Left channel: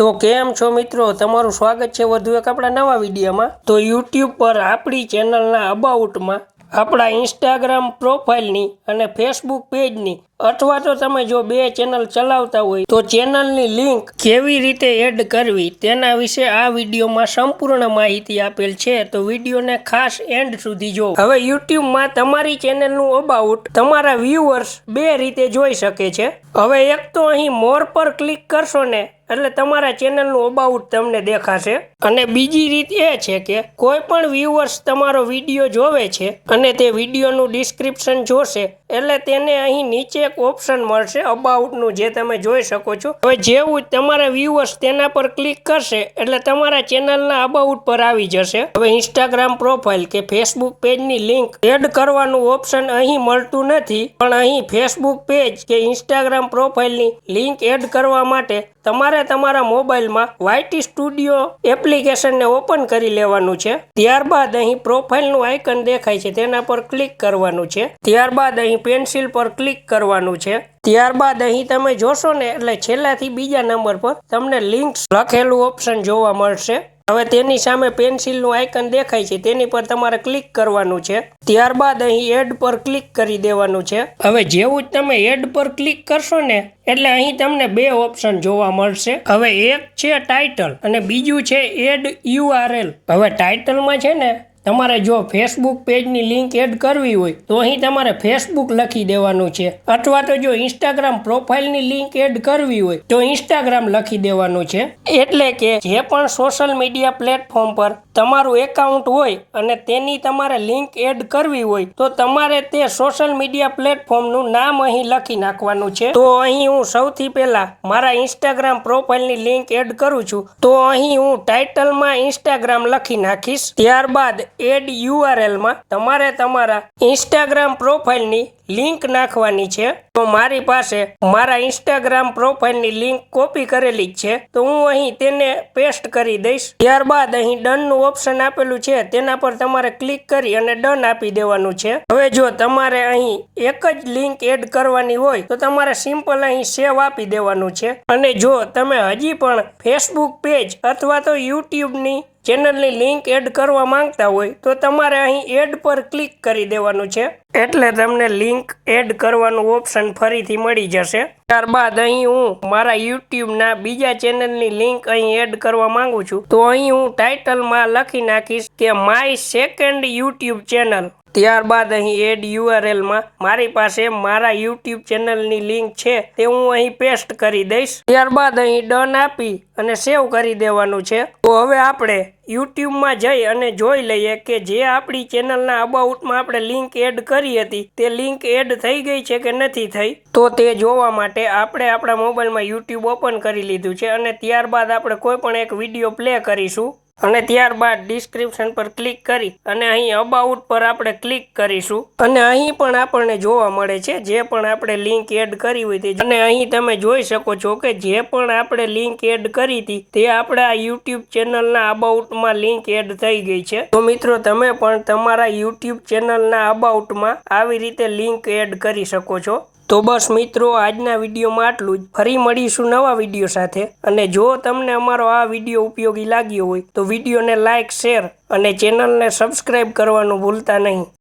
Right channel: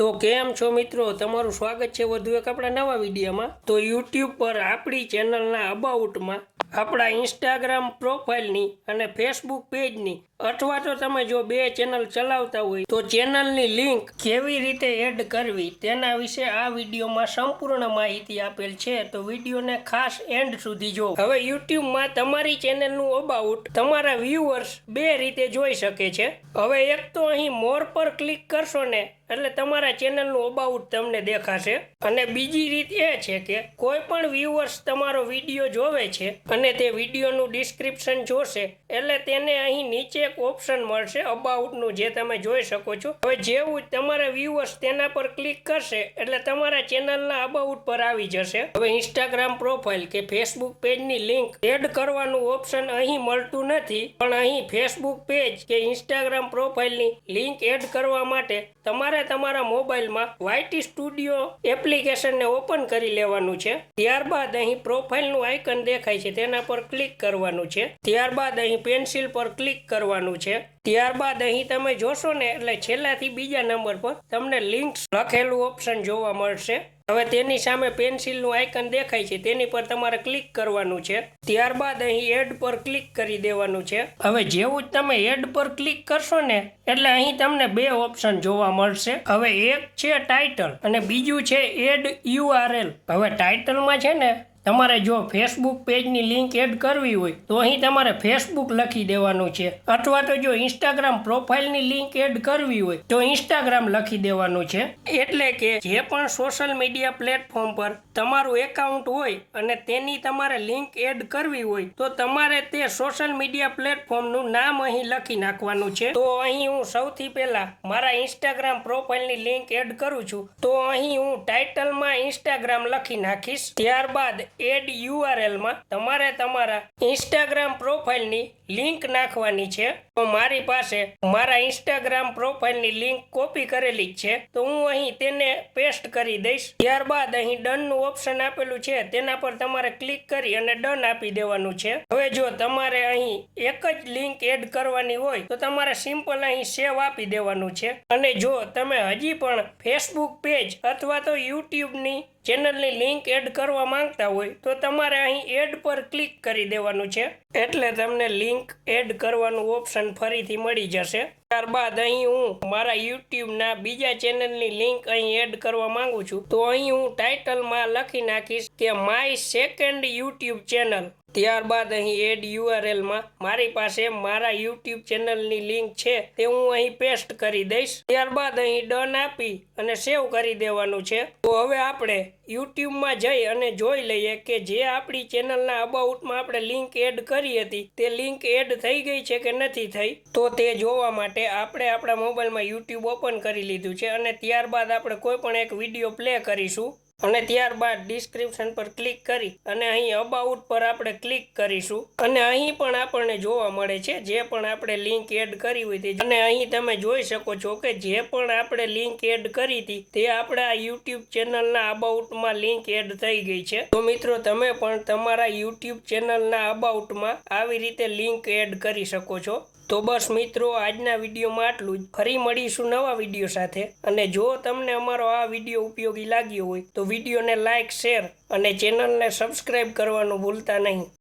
તો કેમ છો મિત્રો? તમારું સ્વાગત છે વધુ એક આપણા નવા વિડીયોમાં. તો યુટ્યુબ પર આપણી ચેનલના અબાઉટમાં આપણા ઇન્સ્ટાગ્રામ પ્રોફાઇલની અને ફેસબુક પેજની અથવા તો તમે જો બે ચેનલ ચલાવતા હોય તો ચેનલની લિંક કેવી રીતે એડ કરવી તેના વિશે આ વિડીયોમાં સંપૂર્ણ માહિતી આપેલ છે. તો વિડીયોને ખાસ એન્ડ સુધી જો. હવે યુટ્યુબમાં તમારી ચેનલનું અબાઉટ તમારા વ્યુઅર્સ બે રીતે જોઈ શકે છે. હવે એક તો અહીં મોર પર ક્લિક કરશો ને એટલે તમારા ચેનલનું અબાઉટ તમને દેખાશે. અને બીજી રીત એ છે કે કોઈ પણ વ્યુઅર્સ તમારો વીડિયો જોવે છે અને તે વિડીયોનું ડિસ્ક્રિપ્શન જોશે, એટલે તેને અહીં નીચે એક ઓપ્શન મળશે અબાઉટનું જે તમે જોઈ શકો છો. હવે જેવું તમારા વ્યુઅર્સ તેના પર ક્લિક કરશે, એટલે તમારા ચેનલના અબાઉટ પર આવી જશે. હવે ઇન્સ્ટાગ્રામ પ્રોફાઇલ કે ફેસબુક પેજની લિંક એડ કરવાનું ઓપ્શન અહીં મળતું નથી. પણ અહીં ફેસબુક પેજ કે ઇન્સ્ટાગ્રામ પ્રોફાઇલની લિંક એડ કરવા માટે તમારે તમારા મોબાઈલમાં વાયટી સ્ટુડિયો એપ્લિકેશનને ઓપન કરી લેવાનું છે. ત્યારબાદ અહીં પ્રોફાઇલનું આઇકન દેખાય છે, તેના પર ક્લિક કરવાનું છે. ત્યારબાદ અહીં પેન્સિલ પર ક્લિક કરવાનું છે. ત્યારબાદ અહીં તમે જોશો ને, એટલે છેલ્લાથી બીજા નંબર પર તમને લિંક્સ લખેલું ઓપ્શન જોવા મળશે. હવે તેની સામે પેન્સિલનું આઇકન દેખાય છે, તેની પર તમારે ક્લિક કરવાનું છે. ત્યારબાદ અહીં એડ પર ક્લિક કરી દેવાનું છે. હવે જેવું જ તમે એડ પર ક્લિક કરશો ને, એટલે અહીં તમને બે ઓપ્શન જોવા મળશે. હવે એક છે ટાઇટલ અને બીજું છે એડ યુઆરએલ હવે ટાઇટલમાં છે ને તમારે જો ફેસબુક પેજની લિંક એડ કરવી હોય, તો અહીં તમારે ફેસબુક લખી દેવાનું છે. અથવા તો જો ઇન્સ્ટાગ્રામ પ્રોફાઇલની લિંક એડ કરવી હોય, તો ઇન્સ્ટાગ્રામ લખી દેવાનું છે. એટલે કે જે પણ સોશિયલ મીડિયા પ્લેટફોર્મ પર તમારું એકાઉન્ટ હોય અને તેની તમારે લિંક એડ કરવી હોય, તો તમારે તે સોશિયલ મીડિયા પ્લેટફોર્મનું નામ અહીં લખી નાખવાનું છે. તો અહીં હું સૌથી પહેલા મારા ઇન્સ્ટાગ્રામ પ્રોફાઇલની લિંક એડ કરું છું. તો અહીં હું ટાઇટલમાં ઇન્સ્ટાગ્રામ લખી નાખીશ. ત્યારબાદ એડ યુઆરએલમાં તમારે તમારા ઇન્સ્ટાગ્રામ પ્રોફાઇલની લિંક નાખવાની છે. તો મારી પાસે મારા ઇન્સ્ટાગ્રામ પ્રોફાઇલની લિંક કોપી કરેલી જ છે. તો હું અહીં તેને પેસ્ટ કરી દઈશ. ત્યારબાદ અહીં ડનનું ઓપ્શન આપેલું છે. તેના પર તમારે ક્લિક કરી અને ડન આપી દેવાનું છે. હવે જો તમારે અહીં એક જ લિંક એડ કરવાની હોય, તો તમારે સિમ્પલ અહીં સેવ આપી દેવાનું છે. અને જો તમે હજી પણ ફેસબુક પેજ અથવા તો યુટ્યુબની ચેનલની લિંક એડ કરવા માંગતા હોય, તો તમારે અહીં એડ પર ક્લિક કરી દેવાનું છે. એટલે તમને લિંક એડ કરવાનું ઓપ્શન ફરીથી મળી જશે. ત્યારબાદ અહીં હું મારા યુટ્યુબના બીજા ચેનલની લિંક અહીં એડ કરવા માંગુ છું. તો અહીં હું ટાઇટલમાં લખી નાખીશ કે માય સેકન્ડ યુટ્યુબ ચેનલ ત્યારબાદ અહીં એડ યુઆરએલમાં મારી પાસે મારા યુટ્યુબ ચેનલની લિંક છે, તે હું અહીં પેસ્ટ કરી દઈશ. ત્યારબાદ અહીં ડન આપી અને સેવ કરી દેવાનું છે. તો હવે આપણે યુટ્યુબમાં જઈ અને જોઈ લઈએ કે જે આપણી ચેનલના અબાઉટમાં આપણે લિંક એડ કરી હતી, તે લિંક એડ થઈ ગઈ છે કે નથી થઈ? તો તે જોવા માટે આપણે આપણા મોબાઈલમાં યુટ્યુબ ઓપન કરી લીધું છે અને ત્યારબાદ આપણે કોઈ પણ એક વીડિયો પ્લે કરીશું. અને ત્યારબાદ ડિસ્ક્રિપ્શન પર ક્લિક કરી અને અહીં અબાઉટ પર આપણે ક્લિક કરીશું. અને અહીં પણ આપણને જોવા મળે છે, જે પણ આપણે લિંક એડ કરી હોય તે અને અહીં તમે જોઈ શકો છો કે જે પણ આપણે લિંક એડ કરી હતી, તે આપણા યુટ્યુબ ચેનલના અબાઉટમાં લિંક એડ થઈ ગઈ છે. તો મિત્રો, તમે પણ તમારા યુટ્યુબ ચેનલના અબાઉટમાં આવી રીતે લિંક એડ કરી શકો છો. તો બસ મિત્રો, આજના વિડીયોમાં આટલું જ. ફરી મળીશું નવા વીડિયો સાથે. અને જો તમને અમારો આ વીડિયો ઉપયોગી લાગ્યો હોય, તો વિડીયોને લાઇક શેર અને ચેનલને સબસ્ક્રાઈબ કરવાનું ભૂલતા નહીં.